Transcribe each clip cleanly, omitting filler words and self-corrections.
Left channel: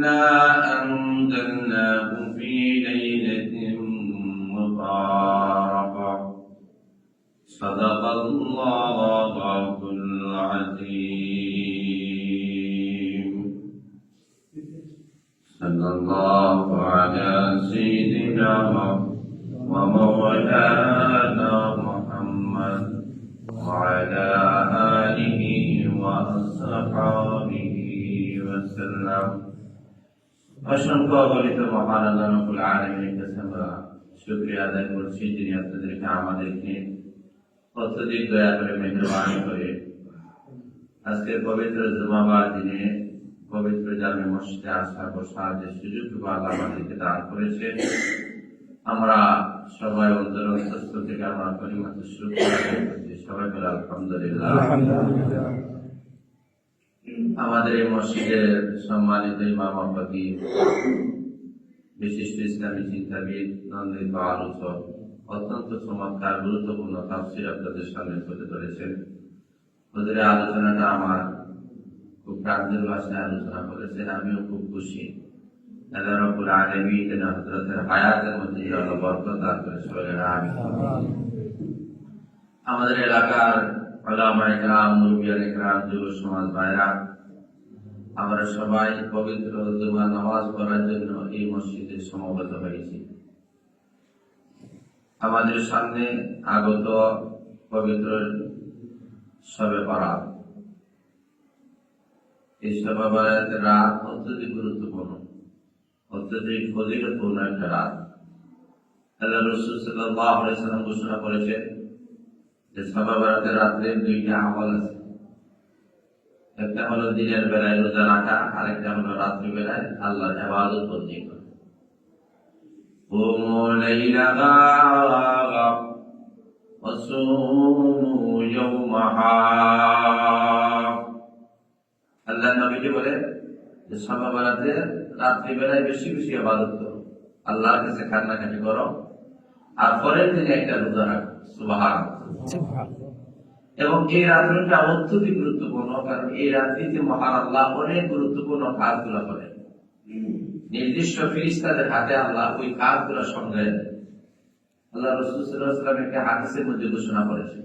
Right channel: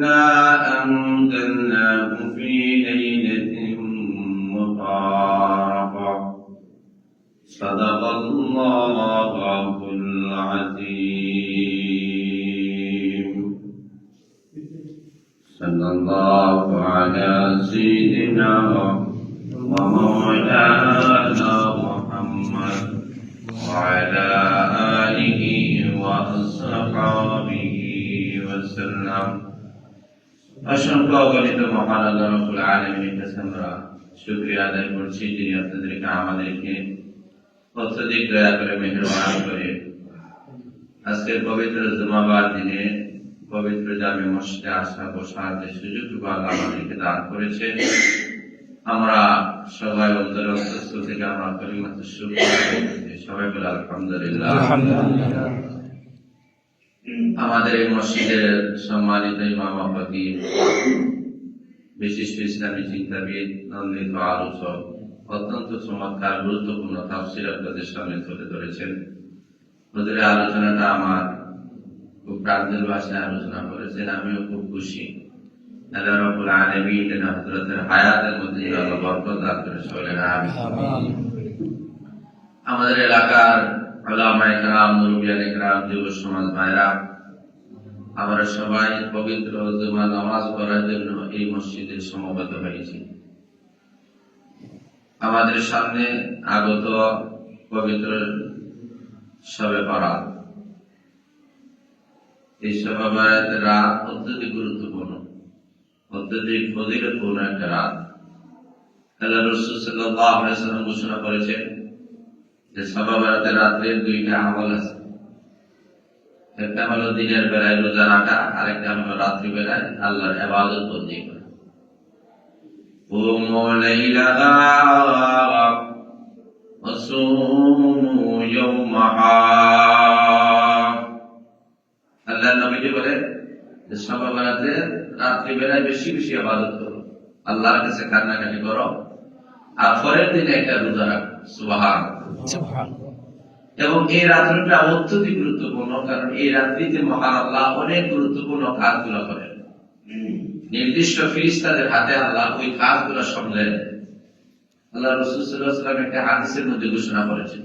إنا أنزلناه في ليلة مباركة صدق الله العظيم صلى الله على سيدنا ومولانا محمد وعلى آله وأصحابه وسلم অসংখ্য গণিত মহান আল্লাহ রাব্বুল আলামিনের কাছে আমরা শুকরিয়া আদায় করছি, যিনি আপনাদেরকে আমাদেরকে অত্যধিক দয়া করে মেহেরবানি করে আজকের পবিত্র জুমাবার দিনে পবিত্র জামে মসজিদে আসা বসার যে সুযোগটুকু আল্লাহ আমাদেরকে দান করেছে, আমরা সবাই অন্তরের অন্তঃস্থল থেকে আমরা কালিমাতুশ শুকর আদায় করছি। সবাই বলে আলহামদুলিল্লাহ। আমাদের এই মসজিদের সম্মানিত ইমাম খতিব, বিশিষ্ট ইসলামী চিন্তাবিদ, নন্দিত আলোচক অত্যন্ত চমৎকার গুরুত্বপূর্ণ তাফসীর আপনাদের সামনে তুলে ধরেছেন। হুজুরের আলোচনাটা আমার খুব প্রাঞ্জল ভাষায় আলোচনা করেছেন, আমিও খুব খুশি। আল্লাহ রাব্বুল আলামিন যেন হযরতের হায়াতের মধ্যে আল্লাহ বরকত দান করে, বলেন আমিন। আমাদের এলাকার উলামায়ে কেরাম, মুরব্বিয়ানে কেরাম, যুব সমাজ ভাইরা, আমরা সবাই পবিত্র জুমা নামাজ পড়ার জন্য এই মসজিদে সমবেত হয়েছি। আমাদের সামনে আগত পবিত্র শবে বরাত, এই শবে বরাতের রাত অত্যধিক গুরুত্বপূর্ণ, অত্যধিক ফজিলতপূর্ণ একটা রাত। আল্লাহ রাসূল সাল্লাল্লাহু আলাইহি ওয়াসাল্লাম ঘোষণা করেছেন যে শবে বরাতের রাতের দুইটা আমল আছে। একটা হলো দিনের বেলায় রোজা রাখা, আর একটা হলো রাত্রি বেলায় আল্লাহর ইবাদত বন্দেগী করা। কুমু লাইলাহা ওয়া সুমু ইয়াওমাহা। আল্লাহর নবী বলেন যে শবে বরাতে রাত্রি বেলায় বেশি বেশি ইবাদত করো, আল্লাহর কাছে কান্নাকাটি করো, আর পরের দিনে একটা রোজা রাখো। সুবহানাল্লাহ। এবং এই রাত্রিটা অত্যধিক গুরুত্বপূর্ণ, কারণ এই রাত্রিতে মহান আল্লাহ অনেক গুরুত্বপূর্ণ কাজগুলো করেন। নির্দিষ্ট ফেরেশতাদের হাতে আল্লাহ ওই কাজগুলো সামলে দেন। আল্লাহ রাসূল সাল্লাল্লাহু আলাইহি ওয়াসাল্লাম একটা হাদিসের মধ্যে ঘোষণা করেছেন,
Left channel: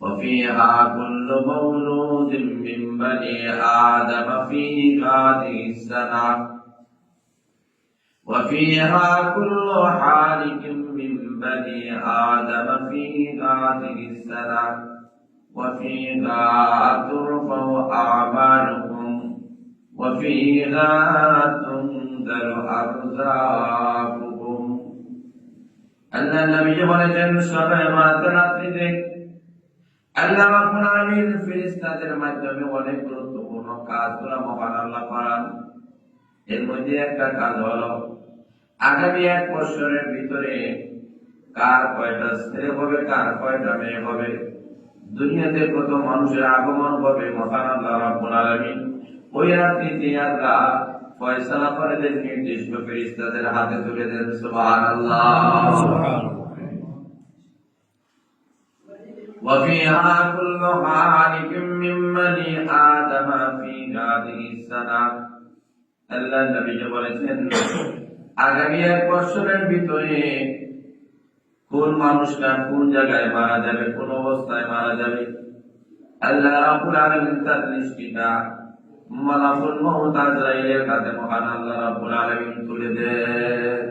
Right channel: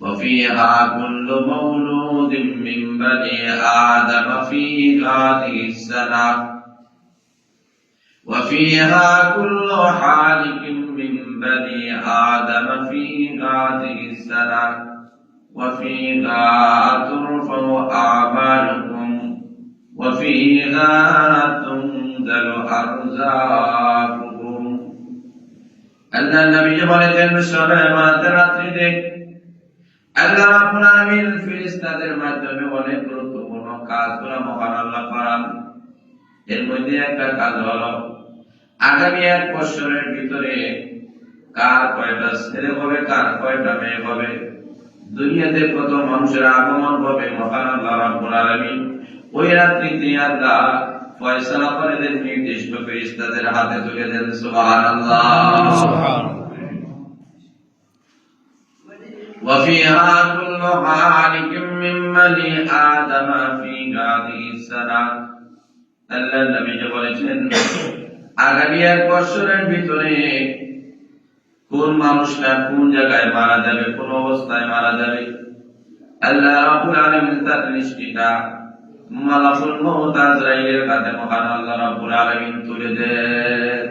وَفِيهَا كُلُّ مَوْلُودٍ مِّن بَنِي آدَمَ فِي هَٰذِهِ السَّنَةِ وَفِيهَا كُلُّ حَالِكٍ مِّن بَنِي آدَمَ فِي هَٰذِهِ السَّنَةِ وَفِيهَا تُرْفَعُ أَعْمَالُكُمْ وَفِيهَا تُنزَلُ أَرْزَاقُكُمْ। আল্লাহ নবী বলেছেন, শবে বরাতের রাত্রিতে আল্লাহ রাব্বুল আলামিন ফেরেশতাদের মাধ্যমে অনেক গুরুত্বপূর্ণ কাজগুলো মহান আল্লাহ করান। এর মধ্যে একটা কাজ হলো আগামী এক বছরের ভিতরে কার কয়টা ছেলে হবে, কার কয়টা মেয়ে হবে, দুনিয়াতে কত মানুষের আগমন হবে, মহান আল্লাহ রাব্বুল আলামিন ওই রাত্রিতে আল্লাহ ফয়সালা করে দেন, নির্দিষ্ট ফেরেশতাদের হাতে তুলে দেন। সুবহানাল্লাহ। وَفِيهَا كُلُّ حَالِكٍ مِّن بَنِي آدَمَ فِي هَٰذِهِ السَّنَةِ। আল্লাহ নবী বলেছেন, আগামী এক বছরের ভিতরে কোন মানুষটা কোন জায়গায় মারা যাবে, কোন অবস্থায় মারা যাবে, আল্লাহ রাব্বুল আলামিন তার লিস্টটা মালাকুল মউত আজরাইলের কাছে মহান আল্লাহ রাব্বুল আলামিন তুলে দেন।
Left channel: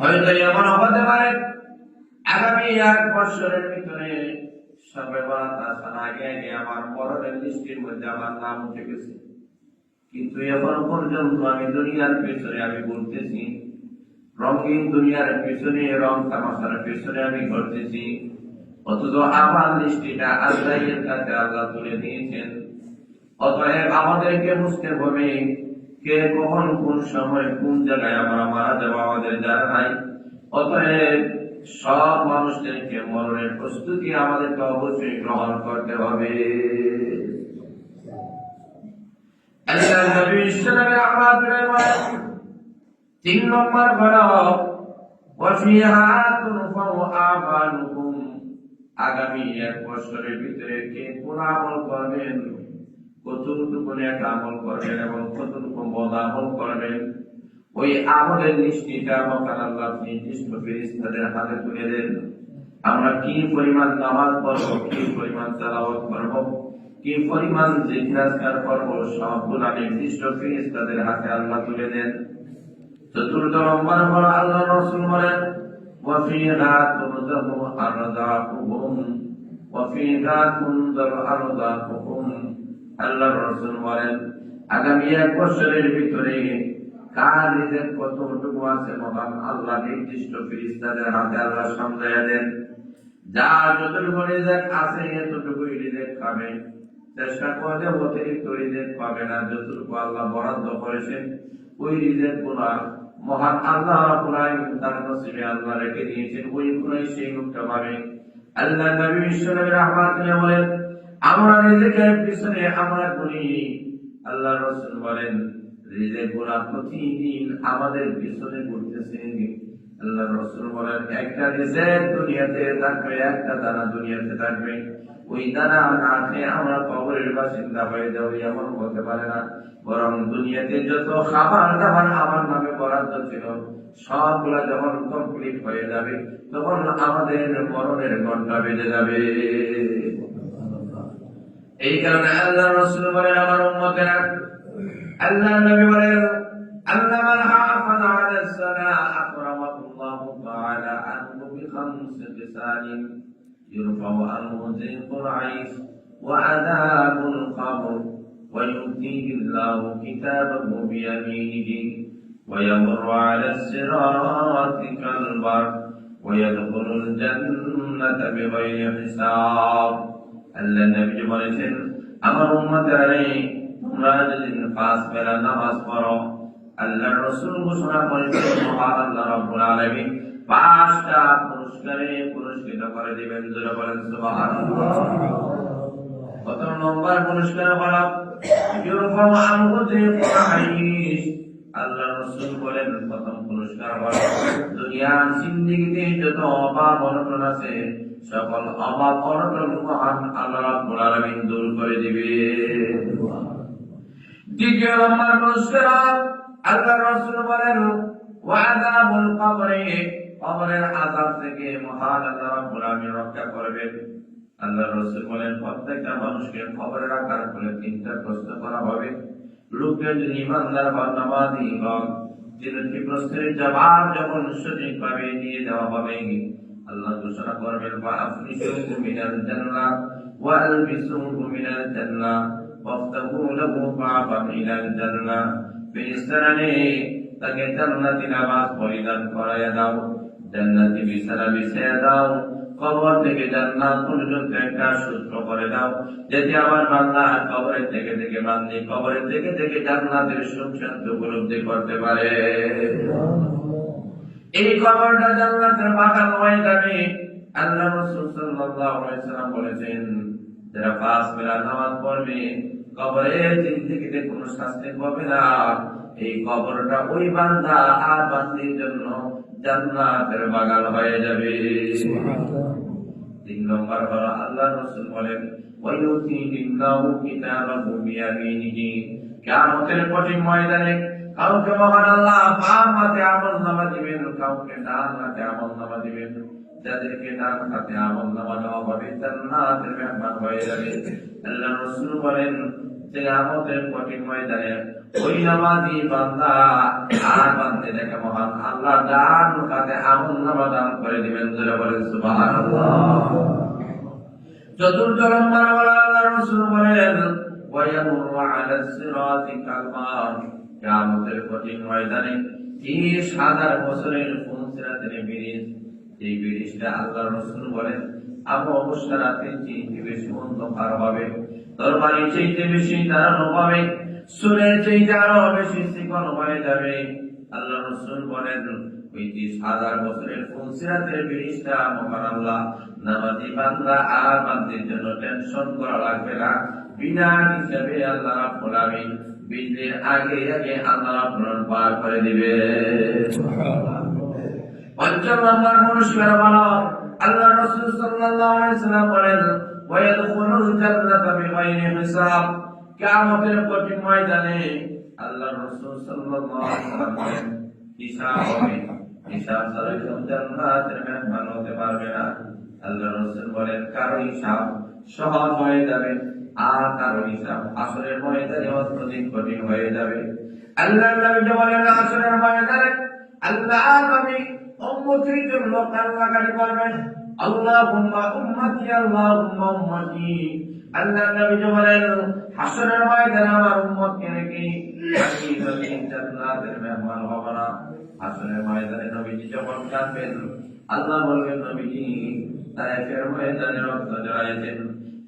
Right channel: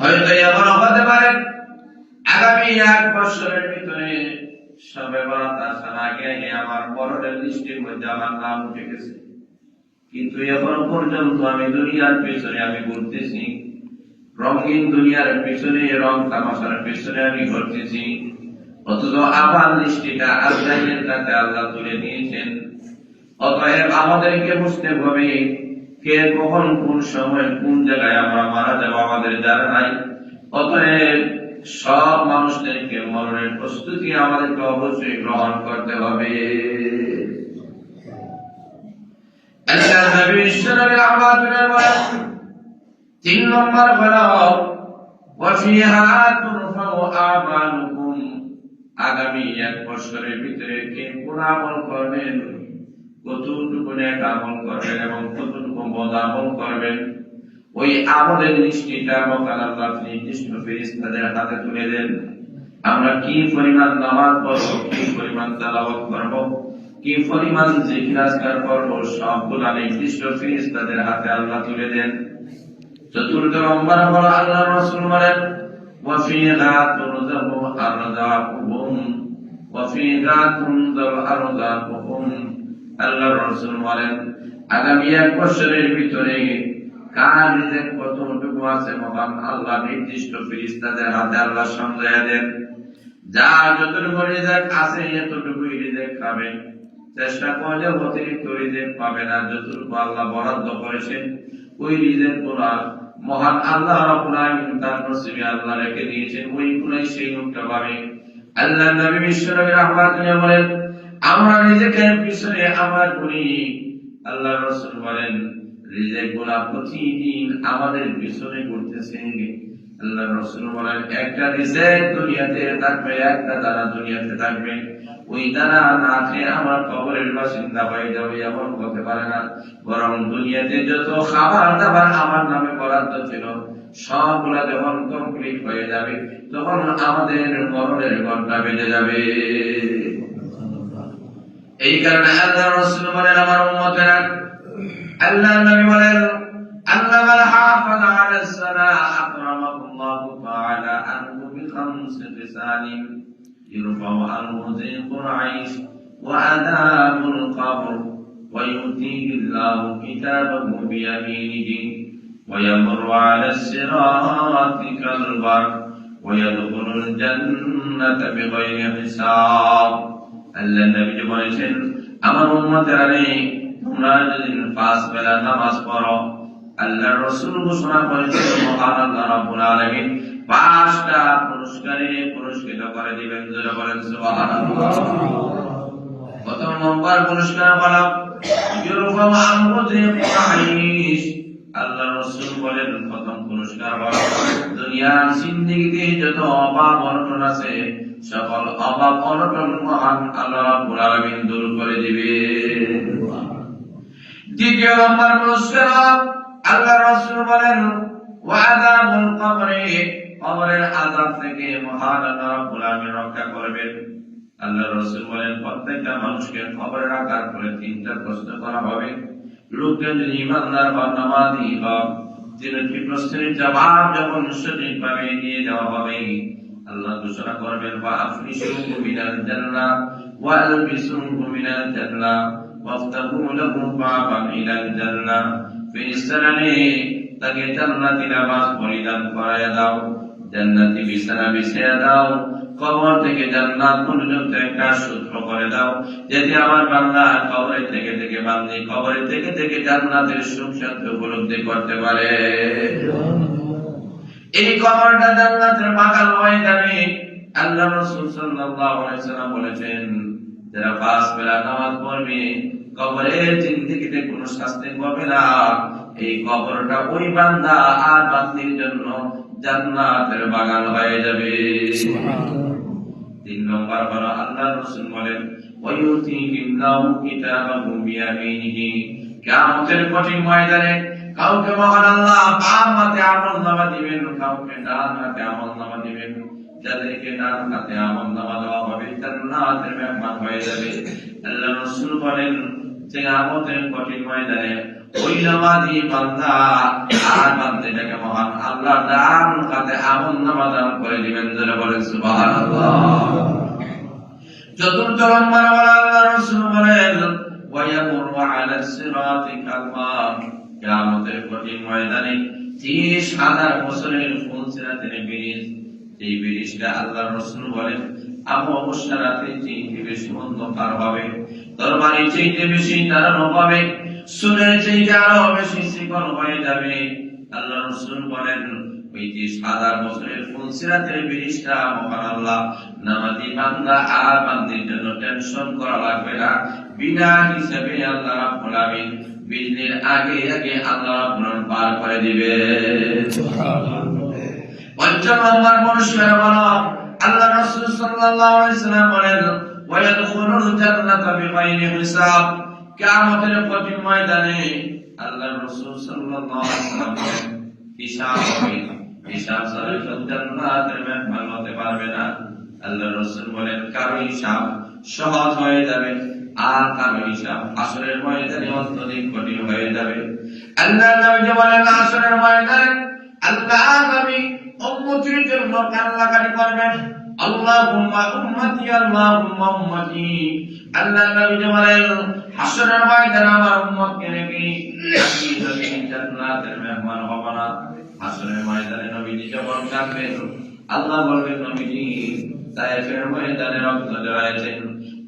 হয়তো এমন হতে পারে আগামী এক বছরের ভিতরে শবে বরাত আসার আগে আমার পরনের লিস্টের মধ্যে আমার নাম উঠে গেছে, কিন্তু এখনো পর্যন্ত আমি দুনিয়ার পেছনে আমি ঘুরতেছি, রঙিন দুনিয়ার পেছনে, রং তামাশার পেছনে আমি ঘুরতেছি, অথচ আমার লিস্টটা আজরাইলের কাছে আল্লাহ তুলে নিয়েছেন। অতএব আমাদেরকে বুঝতে হবে কে কখন কোন সময় কোন জায়গায় আমরা মারা যাব আমাদের জানা নাই। অতএব সব মানুষদেরকে মরণের প্রস্তুতি আমাদেরকে অবশ্যই গ্রহণ করতে হবে। আল্লাহ নবী সাল্লাল্লাহু আলাইহি ওয়াসাল্লাম 3 নম্বর হলো ওয়াফিহা তুরফাউ আমালুকুম। আগামী এক বছরের ভিতরে কে কোন আমল করবেন কতটুকু নেক আমল করবেন এবং কতটুকু বদ আমল করবেন, ওই আমলের লিস্টটা মহান আল্লাহ নির্দিষ্ট ফেরেশতাদের হাতে তুলে দেন। আমরা কি পরিমাণ নামাজ পড়ব, কি পরিমাণ তেলাওয়াত করব, কি পরিমাণ জিকির আজকার করব, সবগুলা নির্দিষ্ট ফেরেশতাদের হাতে আল্লাহ তুলে দেন। চতুর্থ নম্বর হলো আল্লাহ রাসূল বলেন ওয়াফিহা তুনযাবু আরযাকুহুম, ওয়াফিহা তুনযাবু আরযাকুহুম। আল্লাহ রাসূল বলেন আগামী 1 বছরের ভিতরে কার রিজিক কতটুকু আছে মহান আল্লাহ নির্দিষ্ট ফেরেশতাদের হাতে আল্লাহ সমঝায়া দেন। যার যতটুকু রিজিক আছে এতটুকুই রিজিক খাবেন, চেষ্টা করলে অতিরিক্ত রিজিক পাবে না। যতটুকু আল্লাহ বরাদ্দ করেছেন ওই রিজিক গুলা মহান আল্লাহ রাব্বুল আলামিন তার নসিবে আল্লাহ রেখে দিয়েছেন, ওইগুলাই সেই লোকটা পাবে। আল্লাহ নবী বিশ্বনবী রাহমাতুল্লাহ বলেন আমরা রিজিকের পিছনে আমার করি। আল্লাহ রাসূল বলেন রিজিক গুলা প্রতিদিন আমাদের পিছনে ঘুরতেছে। আল্লাহ রাসূল বলেন একটা রিজিক দুনিয়াতে থাকবে, একটা দানা দুনিয়াতে থাকবে, ওই দানা না খেয়ে আমার কবরের বাসিন্দা হয়ে যাবে এমন হতে পারে না। বরং দুনিয়াতে যত খাবার দাবার আমার নামে বরাদ্দ ছিল সবগুলা যখন কমপ্লিট হয়ে যাবে তখন আমাদের মরণের ঘন্টা বেজে যাবে। এই কারণে আল্লাহ রাসূল বলেন আমার উম্মতেরা, আল্লাহ নবী বলেন আল্লাহ মান হাফাজ আলা সালাহ আকরামাহুল্লাহু তাআলা আনহু বিখামসি খিসালিন ইরফাউ আনহু যিকুল আইশ ওয়া আযাবুল কবর ওয়া ইউতিহি আল্লাহু কিতাবাহু বিয়ামিনিহি ওয়া ইয়ামুরু আলা সিরাতি কাল বারক ওয়া ইয়াদখুলুল জান্নাতা বিগাইরি হিসাব। আল্লাহ নবী বলেছেন আমার উম্মতেরা তোমরা যদি 5 বেলা নামাজ পড়ো, আল্লাহ রাসূল ঘোষণা করেছেন মহান আল্লাহ রাব্বুল আলামিন 5টা পুরস্কারে পুরস্কৃত করে দিবেন। যারা বলেন সুবহানাল্লাহ। প্রথম নম্বর পুরস্কার হলো ইউরফাউ আনহু যিকুল আইশ। আল্লাহ রাসূল বলেন প্রথম পুরস্কার হলো দুনিয়ার জিন্দেগিতে যত অভাব অনটন আছে সকল অভাব অনটন মহান আল্লাহ রাব্বুল আলামিন দূর করে দিবে। দ্বিতীয় নম্বর পুরস্কার আল্লাহ রাসূল বলেন ওয়া আযাবুল কবরে, কবরের আযাব থেকে মহান আল্লাহ রাব্বুল আলামিন রক্ষা করবেন। আল্লাহ রাসূল বলেন প্রত্যেকটা মানুষকে কবরে রাখার পরে 3টা প্রশ্ন করা হবে। লোকজন যদি ঈমানদার বা নামাজি হয়, 3টি প্রশ্নের জবাব যখন সঠিকভাবে দিয়ে দেওয়া হবে আল্লাহ ঘোষণা করবেন ওয়া আফরিশু মিনাল জান্নাহ ওয়া আলবিসুহু মিনাল জান্নাহ ওয়াফতাহু লাহু বাবান ইলাল জান্নাহ। ফেরেশতারা তাকে জান্নাতি নামাজ পরিধান করায়া দাও, জান্নাতি বিছানা বিছিয়ে দাও, কবর থেকে জান্নাত পর্যন্ত একটা সূত্র করে দাও যাতে আমার বান্দা কবরে থেকে থেকে বান্দি কবরে থেকে থেকে জান্নাতের সুখ শান্তি উপলব্ধি করতে পারে। এই কবরটা জান্নাতের বাগান হয়ে যাবে। আল্লাহ রাসূল সাল্লাল্লাহু আলাইহি ওয়াসাল্লাম বলেছেন যারা 5 বেলা নামাজ পড়বে কবরের জিন্দেগিতে কোনো শাস্তি পাবে না। এই কবরটা ওই বান্দা আর বান্দির জন্য জান্নাতের বাগান হয়ে যাবে। সুবহানাল্লাহ। 3 নম্বর হলো আল্লাহ রাসূল বলেন ওয়া ইউতিহি আল্লাহু কিতাবাহু বিয়ামিনিহি। কিয়ামতের কঠিন ময়দানে কাউকে মহান আল্লাহ বাম হাতে আমলনামা দিবেন, কাউকে ডান হাতে আমলনামা দিবেন। যাদেরকে ডান হাতে আমলনামা দেওয়া হবে জান্নাতের মেহমান হয়ে যাবে। আল্লাহ রাসূল বলেন যে কিয়ামতের কঠিন ময়দানে ওই নামাজি বান্দা আর বান্দাটাকে মহান আল্লাহ ডান হাতে আমলনামা দান করে দিবেন। যারা বলেন সুবহানাল্লাহ। চতুর্থ নম্বর হলো আল্লাহ রাসূল বলেন ওয়া ইয়ামুরু আলা সিরাতি কাল বারক। কিয়ামতের কঠিন ময়দানে 30,000 বছরের ফুলসিরাতের ব্রিজ, এই ব্রিজটা আল্লাহ রাসূল বলেন আবু মুশারাতে চেয়ে বেশি অন্ধকার হবে, দরবারে চেয়ে বেশি দাঁড়ানো হবে, সুরের চেয়ে আরো বেশি শিকল হয়ে যাবে। আল্লাহ রাসূল বলেন ওই 30,000 বছরের ফুলসিরাতের ব্রিজটা মহান আল্লাহ নামাজি বান্দা আর বান্দির জন্য টেনশন করা লাগবে না। বিনা হিসাবে আল্লাহ রাব্বুল আলামিন বিজলির আগে আগে আল্লাহ রাব্বুল আলামিন পার করে দিবে। সুবহানাল্লাহ। পঞ্চম নম্বর পুরস্কার হলো আল্লাহ রাসূল সাল্লাল্লাহু আলাইহি ওয়াসাল্লাম বলেন ওয়া ইয়াদখুলুল জান্নাতা বিগাইরি হিসাব। কিয়ামতের কঠিন ময়দানে আল্লাহর রাসূল সাল্লাল্লাহু আলাইহি ওয়াসাল্লাম হিসাব হবে, হিসাব ছাড়া জান্নাতের মেহমান হতে পারবে না। আল্লাহর রাসূল বলেন কারো হিসাব সহজ হয়ে যাবে, আর কারো হিসাব হাসরের ময়দানে অত্যধিক কঠিন হয়ে যাবে। আল্লাহর নবী বলেন হাসরের ময়দানে আল্লাহ নবী উম্মতের জন্য কান্নাকাটি করবেন, আল্লাহুম্মা উম্মতি আল্লাহুম্মা উম্মতি। আল্লাহর নবী বলেন হাসরের ময়দানে আমার উম্মতকে রেখে আমি যদি জান্নাতের মেহমান হব না। হাসরের ময়দানে নবীজি যখন কাঁদবেন, আল্লাহ বলবেন নবীজি তায়েফের ময়দানে রক্ত ঝরাইছেন,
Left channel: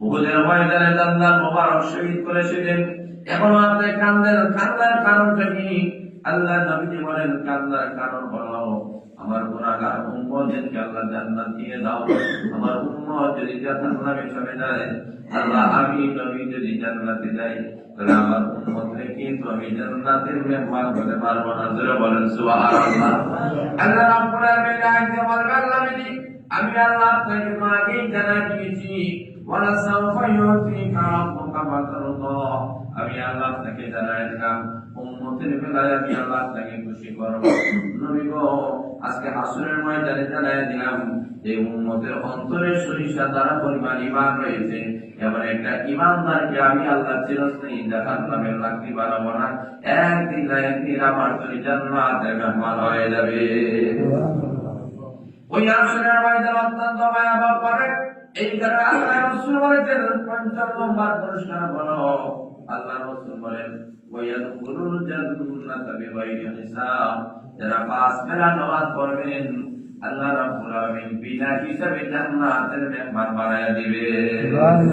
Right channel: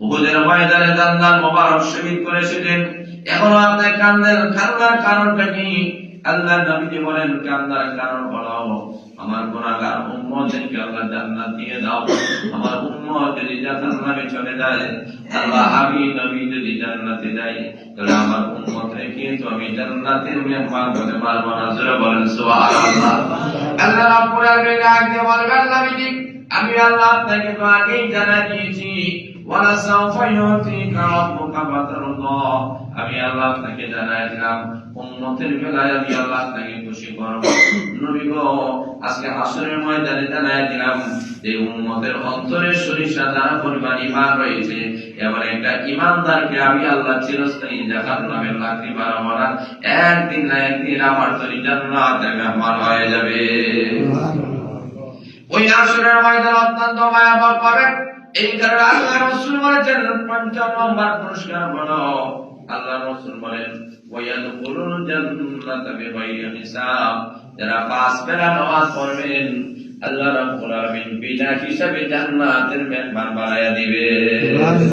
উহুদের ময়দানে দান্দান মোবারক শহীদ করেছিলেন, এখন আপনি কান্দেন, কান্নার কারণটা কি? আল্লাহ নবীজি বলেন কান্নার কারণ হলো আমার গুনাহগার উম্মতকে আল্লাহ জান্নাত দিয়ে দাও। আমার উম্মত যদি জাহান্নামে চলে যায়, আল্লাহ আমি নবী যদি জান্নাতে যাই, তাহলে আমার উম্মত রেখে তো আমি জান্নাতের মেহমান হতে পারবো না। জোরে বলেন সুবহানাল্লাহ। আল্লাহ রাব্বুল আলামিন আগে বলবেন নবীজি আমি আল্লাহ আপনাকে তো আগেই জানাই দিয়েছি, ওয়ালা সাউফা ইউতিকা রাব্বুকা ফাতারদা। আমি আল্লাহ আপনাকে জানাই দিলাম উম্মতের বেলায় আমি আল্লাহ আপনাকে খুশি করব। নবী গো আজকে হাসরের ময়দানে জানাই দিলাম যে উম্মতের অন্তরে সরিষা দ্বারা পরিমাণ ঈমান রয়েছে, এমন একটা ঈমানদারকে আমি আল্লাহ চিরস্থায়ী জাহান্নামের লাকড়ি বানাবো না। একদিন না একদিন আমার তরি জান্নাতের মেহমান হয়ে যাবে। ওই হাসরের ময়দান অত্যন্ত ভয়াবহ পাবে। এই কারণে আল্লাহ রাসূল বলেছেন ৫০ নম্বর পুরস্কার হলো আল্লাহ রাসূল বলেন ওয়ায়াদখুলুল জান্নাতা বিগাইরি হিসাব। যারা ৫ বেলা নামাজ পড়বেন আল্লাহ রাব্বুল আলামিন বিনা হিসাবে জান্নাতের মেহমান বানায়া দিবেন।